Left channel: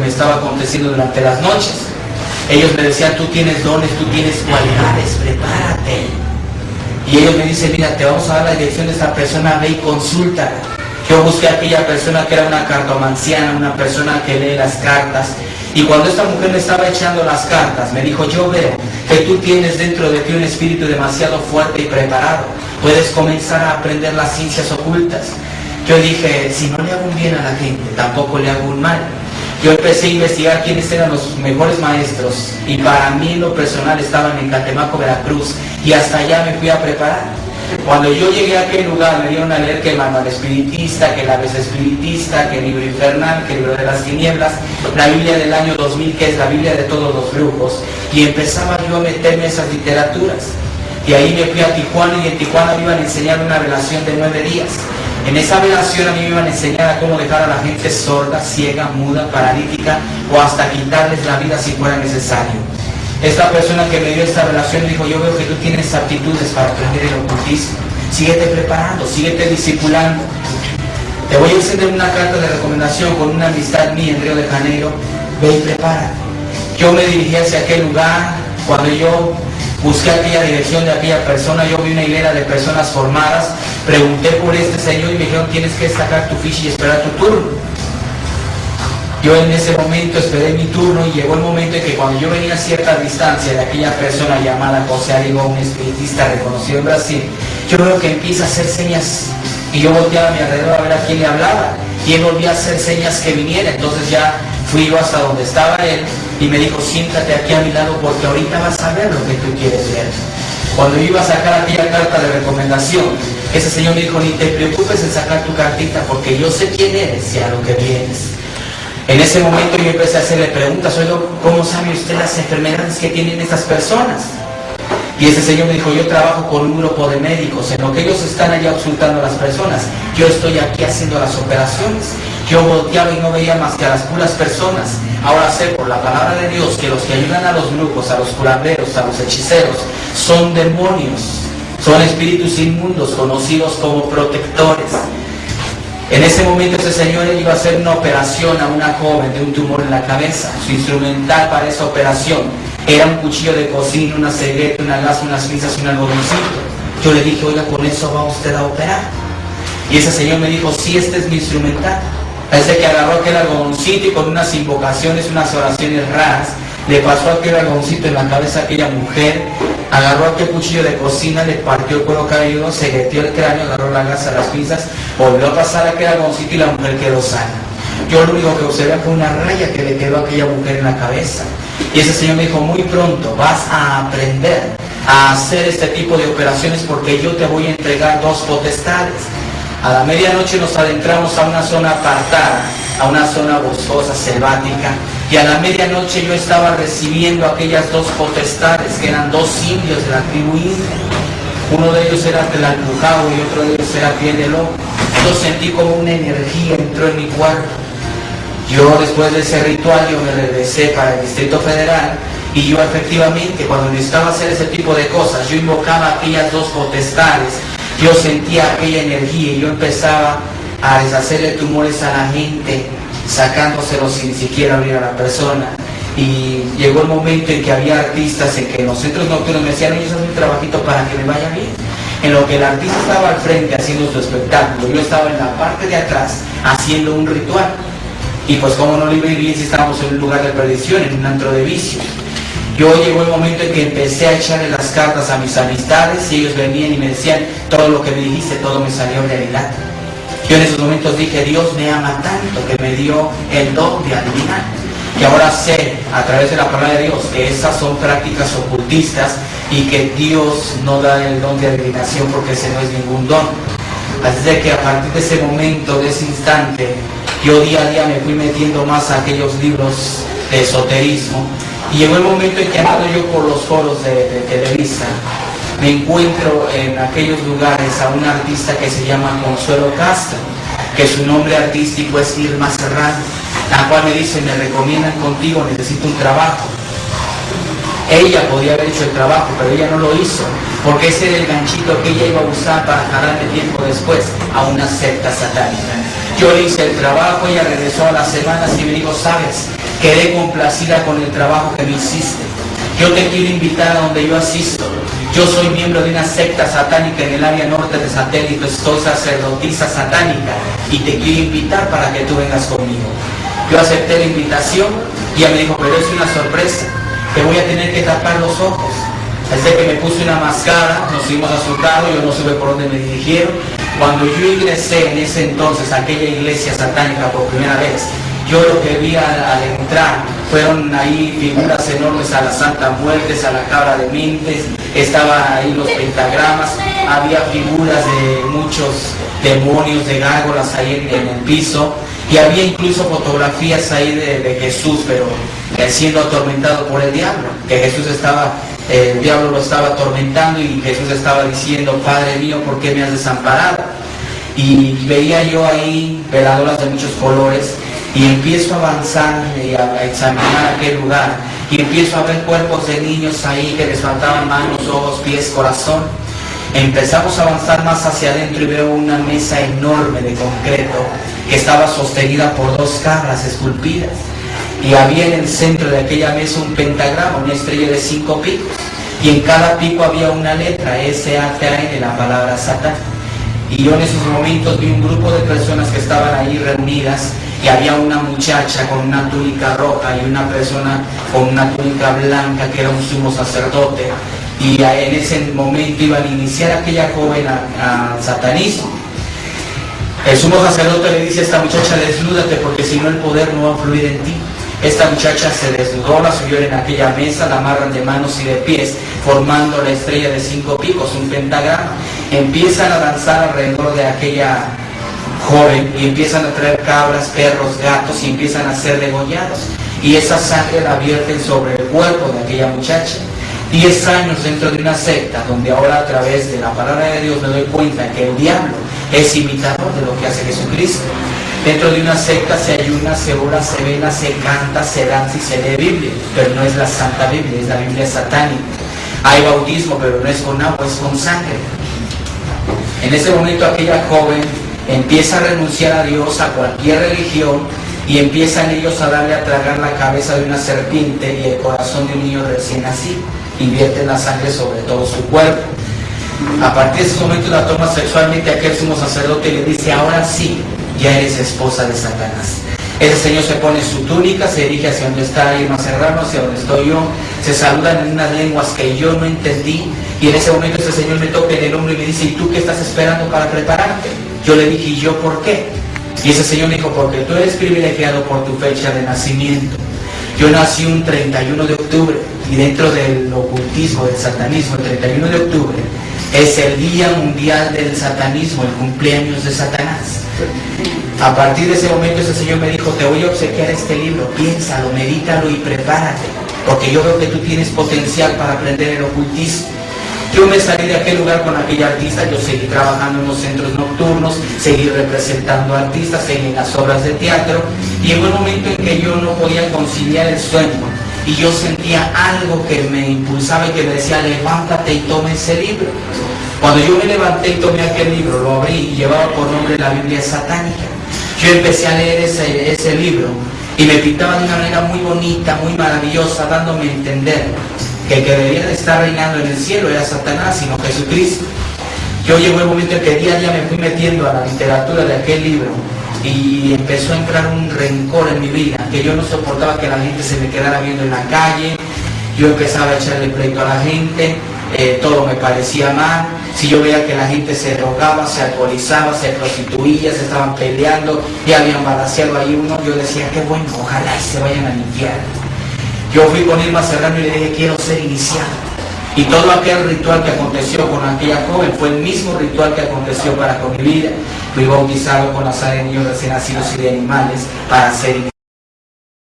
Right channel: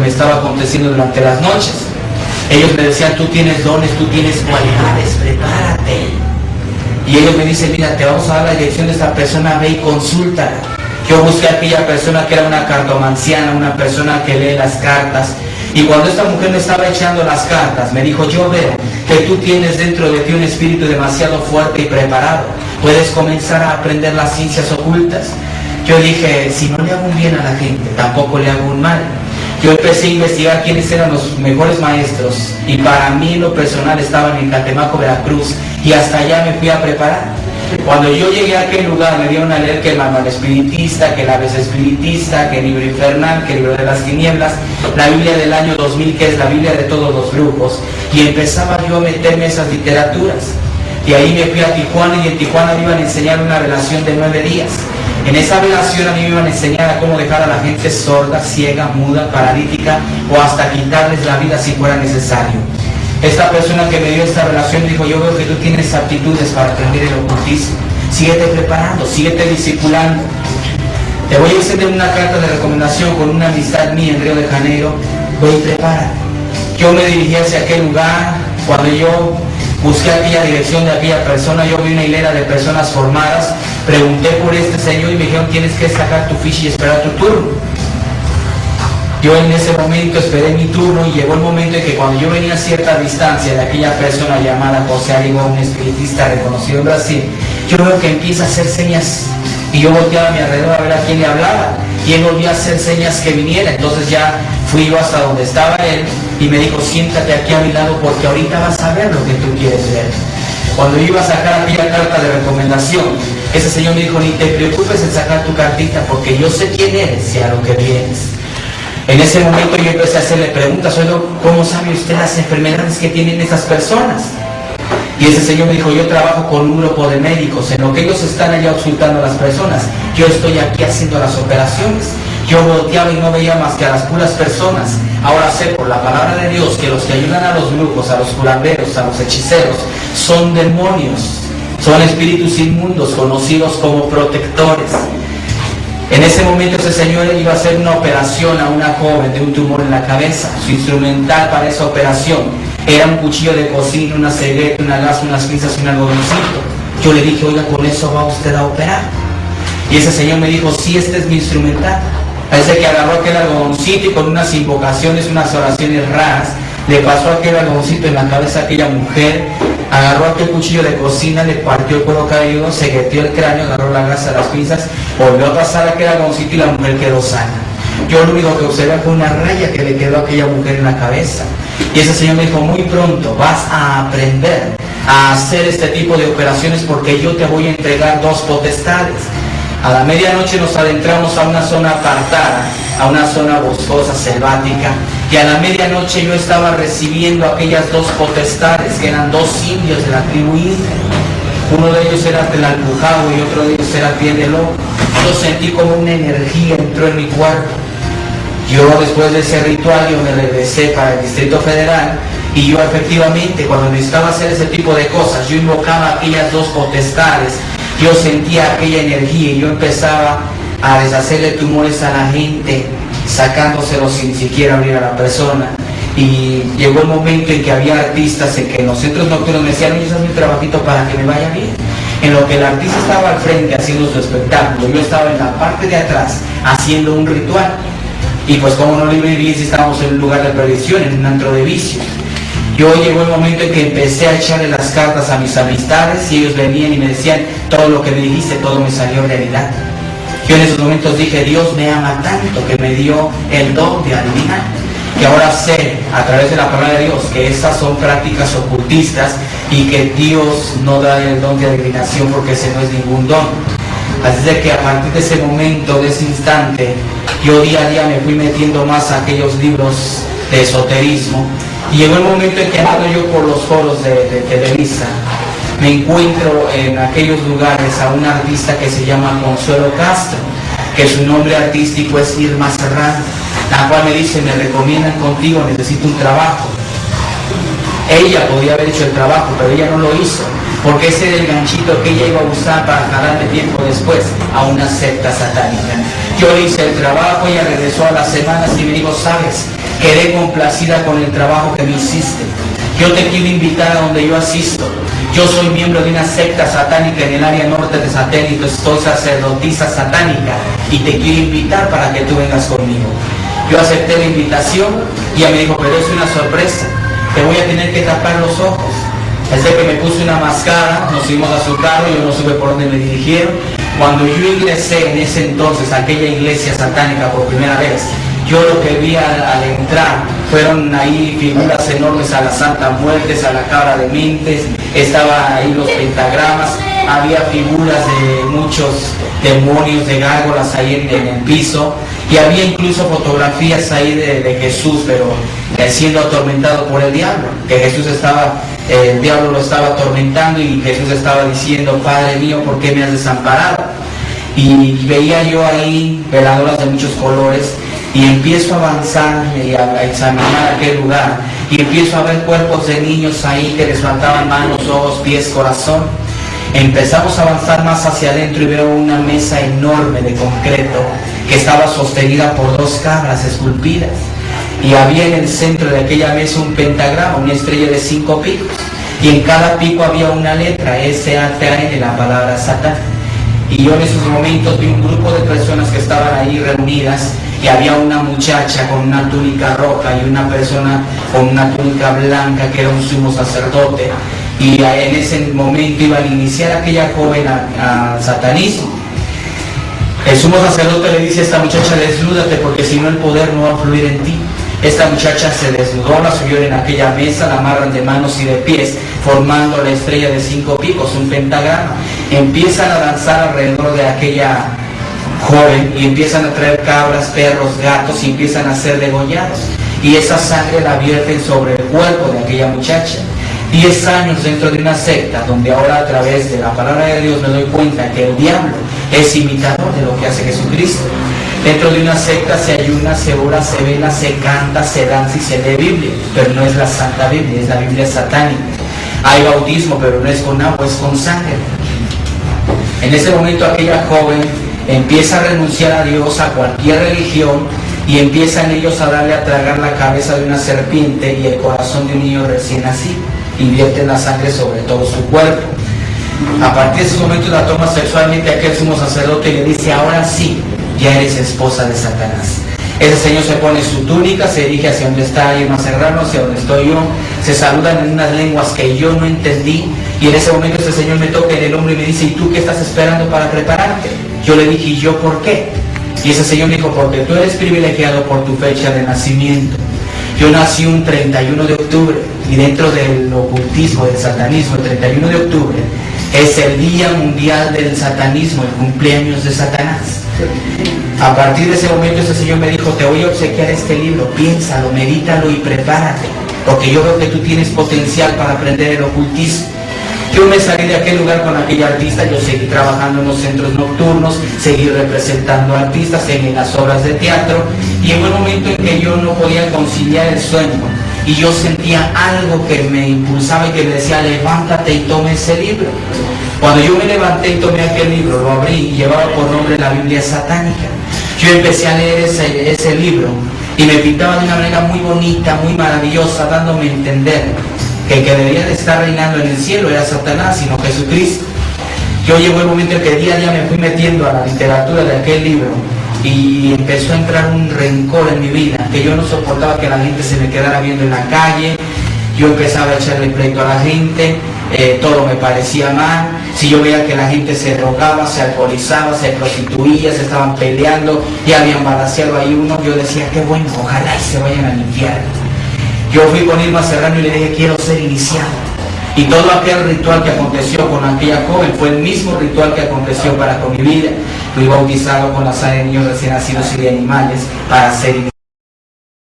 me estaba aconteciendo durante las noches. Ellos me decían, tú tienes dones, tú tienes cualidades, prepárate. Y ellos me dicen, mira, te vamos a dar la dirección de esta persona, ve y consulta. Yo busqué a aquella persona que era una cartomanciana, una persona que lee las cartas. Y cuando esta mujer me estaba echando las cartas, me dijo, yo veo que tú tienes dentro de ti un espíritu demasiado fuerte y preparado. Puedes comenzar a aprender las ciencias ocultas. Yo dije, si no le hago un bien a la gente, tampoco le hago un mal. Yo empecé a investigar quiénes eran los mejores maestros. Y para mí, en lo personal, estaban en Catemaco, Veracruz. Y hasta allá me fui a preparar. Cuando yo llegué a aquel lugar, me vieron a leer que el manual espiritista, que la vez espiritista, que el libro infernal, que el libro de las tinieblas, la Biblia del año 2000, que es la Biblia de todos los brujos. Y empezaba yo a meterme esas literaturas. Y ahí me fui a Tijuana, y en Tijuana me iban a enseñar una relación de 9 días. En esa relación a mí me iban a enseñar a cómo dejar a la gente sorda, ciega, muda, paralítica, o hasta quitarles la vida si fuera necesario. Esta persona que me dio esta relación dijo, yo veo que tú tienes aptitudes para aprender el ocultismo. Síguete preparando, síguete discipulando. Te voy a decir de una carta de recomendación con una amistad mía en Río de Janeiro. Voy, prepara. Yo me dirigí hacia aquel lugar. Cuando yo busqué aquella dirección de aquella persona, yo vi una hilera de personas formadas. Pregunté por este señor y me dijeron, tienes que sacar tu ficha y esperar tu turno. Yo en ese momento esperé mi turno y llegó el momento en que cuando yo venía a cierta distancia de aquella persona llamada José Arigo, un espiritista reconocido en Brasil, yo veo que empieza a hacer señas y yo volteaba a mi alrededor a ver a quién le hablaba y él volvía a hacer señas que viniera. Entonces ya fui yo hasta donde estaba él y me dijo, siéntate aquí a mi lado porque ahorita vas a ver lo que tú quieres ver. Cuando yo iba a sacar aquella carta de recomendación, ese señor me dijo, ni te preocupes en sacar tu cartita porque yo sé quién eres y a lo que vienes. En ese momento yo empecé a hacerle preguntas, oiga, ¿cómo sabe usted las enfermedades que tienen esas personas? Y ese señor me dijo, yo trabajo con un grupo de médicos, en lo que ellos están allá auscultando a las personas, yo estoy aquí haciendo las operaciones. Yo volteaba y no veía más que a las puras personas. Ahora sé por la palabra de Dios que los que ayudan a los brujos, a los curanderos, a los hechiceros, son demonios, son espíritus inmundos conocidos como protectores. En ese momento ese señor iba a hacer una operación a una joven de un tumor en la cabeza. Su instrumental para esa operación era un cuchillo de cocina, una cegueta, una gasa, unas pinzas y un algodoncito. Yo le dije, oiga, ¿con eso va usted a operar? Y ese señor me dijo, sí, este es mi instrumental. Parece que agarró aquel algodoncito y con unas invocaciones, unas oraciones raras, le pasó aquel algodoncito en la cabeza a aquella mujer, agarró aquel cuchillo de cocina, le partió el cuero caído, se metió el cráneo, agarró la gasa, las pinzas, volvió a pasar aquel algodoncito y la mujer quedó sana. Yo lo único que observé fue una raya que le quedó a aquella mujer en la cabeza. Y ese señor me dijo, muy pronto vas a aprender a hacer este tipo de operaciones porque yo te voy a entregar 2 potestades. A la medianoche nos adentramos a una zona apartada, a una zona boscosa, selvática, y a la medianoche yo estaba recibiendo aquellas 2 potestades, que eran 2 indios de la tribu india. Uno de ellos era Tlalpujahua y otro de ellos era Pienelú. Yo sentí como una energía entró en mi cuerpo. Yo después de ese ritual yo me regresé para el Distrito Federal y yo efectivamente cuando necesitaba hacer ese tipo de cosas, yo invocaba aquellas 2 potestades. Yo sentía aquella energía y yo empezaba a deshacerle tumores a la gente, sacándoselos sin siquiera abrir a la persona. Y llegó el momento en que había artistas en que los centros nocturnos me decían, oye, eso es un trabajito para que me vaya bien. En lo que el artista estaba al frente haciendo su espectáculo, yo estaba en la parte de atrás haciendo un ritual. Y pues como no le iba bien si estábamos en un lugar de perdición, en un antro de vicios. Yo llegó el momento en que empecé a echarle las cartas a mis amistades y ellos venían y me decían, todo lo que me dijiste, todo me salió realidad. Yo en esos momentos dije, Dios me ama tanto que me dio el don de adivinar. Y ahora sé, a través de la palabra de Dios, que estas son prácticas ocultistas y que Dios no da el don de adivinación porque ese no es ningún don. Así de que a partir de ese momento, de ese instante, yo día a día me fui metiendo más a aquellos libros de esoterismo. Y llegó el momento en que ando yo por los foros de Televisa, me encuentro en aquellos lugares a una artista que se llama Consuelo Castro, que su nombre artístico es Irma Serrano, la cual me dice, me recomiendan contigo, necesito un trabajo. Ella podía haber hecho el trabajo, pero ella no lo hizo, porque ese es el ganchito que ella iba a usar para jalarle tiempo después a una secta satánica. Yo hice el trabajo, ella regresó a las semanas y me dijo, sabes, quedé complacida con el trabajo que me hiciste. Yo te quiero invitar a donde yo asisto. Yo soy miembro de una secta satánica en el área norte de Satélite, soy sacerdotisa satánica y te quiero invitar para que tú vengas conmigo. Yo acepté la invitación y ella me dijo, pero es una sorpresa, te voy a tener que tapar los ojos. Desde que me puse una mascarada, nos fuimos a su carro, yo no supe por dónde me dirigieron. Cuando yo ingresé en ese entonces a aquella iglesia satánica por primera vez, yo lo que vi al entrar fueron ahí figuras enormes a la Santa Muerte, a la Cabra de Mentes, estaban ahí los pentagramas, había figuras de muchos demonios de gárgolas ahí en el piso, y había incluso fotografías ahí de Jesús, pero siendo atormentado por el diablo, que Jesús estaba, el diablo lo estaba atormentando y Jesús estaba diciendo, Padre mío, ¿por qué me has desamparado? Y veía yo ahí veladoras de muchos colores, y empiezo a avanzar y a examinar aquel lugar, y empiezo a ver cuerpos de niños ahí que les faltaban manos, ojos, pies, corazón. Empezamos a avanzar más hacia adentro y veo una mesa enorme de concreto que estaba sostenida por 2 cabras esculpidas, y había en el centro de aquella mesa un pentagrama, una estrella de 5 picos, y en cada pico había una letra, S-A-T-A-N, la palabra Satán. Y yo en esos momentos vi un grupo de personas que estaban ahí reunidas, y había una muchacha con una túnica roja y una persona con una túnica blanca que era un sumo sacerdote, y en ese momento iban a iniciar aquella joven al satanismo. El sumo sacerdote le dice a esta muchacha, desnúdate porque si no el poder no va a fluir en ti. Esta muchacha se desnudó, la subió en aquella mesa, la amarran de manos y de pies, formando la estrella de 5 picos, un pentagrama. Empiezan a danzar alrededor de aquella joven y empiezan a traer cabras, perros, gatos y empiezan a ser degollados. Y esa sangre la vierten sobre el cuerpo de aquella muchacha. 10 años dentro de una secta donde ahora a través de la palabra de Dios me doy cuenta que el diablo es imitador de lo que hace Jesucristo. Dentro de una secta se ayuna, se ora, se vela, se canta, se danza y se lee Biblia, pero no es la Santa Biblia, es la Biblia satánica. Hay bautismo, pero no es con agua, es con sangre. En ese momento aquella joven empieza a renunciar a Dios, a cualquier religión, y empiezan ellos a darle a tragar la cabeza de una serpiente y el corazón de un niño recién nacido. Invierten la sangre sobre todo su cuerpo. A partir de ese momento la toma sexualmente aquel sumo sacerdote y le dice, ahora sí, ya eres esposa de Satanás. Ese señor se pone su túnica, se dirige hacia donde está alguien más cercano, hacia donde estoy yo, se saludan en unas lenguas que yo no entendí, y en ese momento ese señor me toca en el hombro y me dice, ¿y tú qué estás esperando para prepararte? Yo le dije, ¿y yo por qué? Y ese señor me dijo, porque tú eres privilegiado por tu fecha de nacimiento. Yo nací un 31 de octubre y dentro del ocultismo, del satanismo, el 31 de octubre es el Día Mundial del Satanismo, el cumpleaños de Satanás. A partir de ese momento ese señor me dijo, te voy a obsequiar este libro, piénsalo, medítalo y prepárate, porque yo veo que tú tienes potencial para aprender el ocultismo. Yo me salí de aquel lugar con aquel artista, yo seguí trabajando en los centros nocturnos, seguí representando artistas en las obras de teatro, y en un momento en que yo no podía conciliar el sueño, y yo sentía algo que me impulsaba y que me decía, levántate y tome ese libro. Cuando yo me levanté y tomé aquel libro, lo abrí y llevaba por nombre la Biblia satánica. Yo empecé a leer ese libro y me pintaba de una manera muy bonita, muy maravillosa, dándome a entender que el que debía de estar reinando en el cielo era Satanás, sino Jesucristo. Yo llegó el momento en que día a día me fui metiendo a la literatura de aquel libro y empezó a entrar un rencor en mi vida, que yo no soportaba que la gente se me quedara viendo en la calle. Yo empezaba a echarle pleito a la gente, todo me parecía mal. Si yo veía que la gente se drogaba, se alcoholizaba, se prostituía, se estaban peleando, ya había balaceado ahí uno, yo decía, oh, bueno, ojalá se vayan al infierno. Yo fui con Irma Serrano y le dije, quiero ser iniciado. Y todo aquel ritual que aconteció con aquella joven fue el mismo ritual que aconteció para con mi vida. Fui bautizado con la sangre de niños recién nacidos y de animales para ser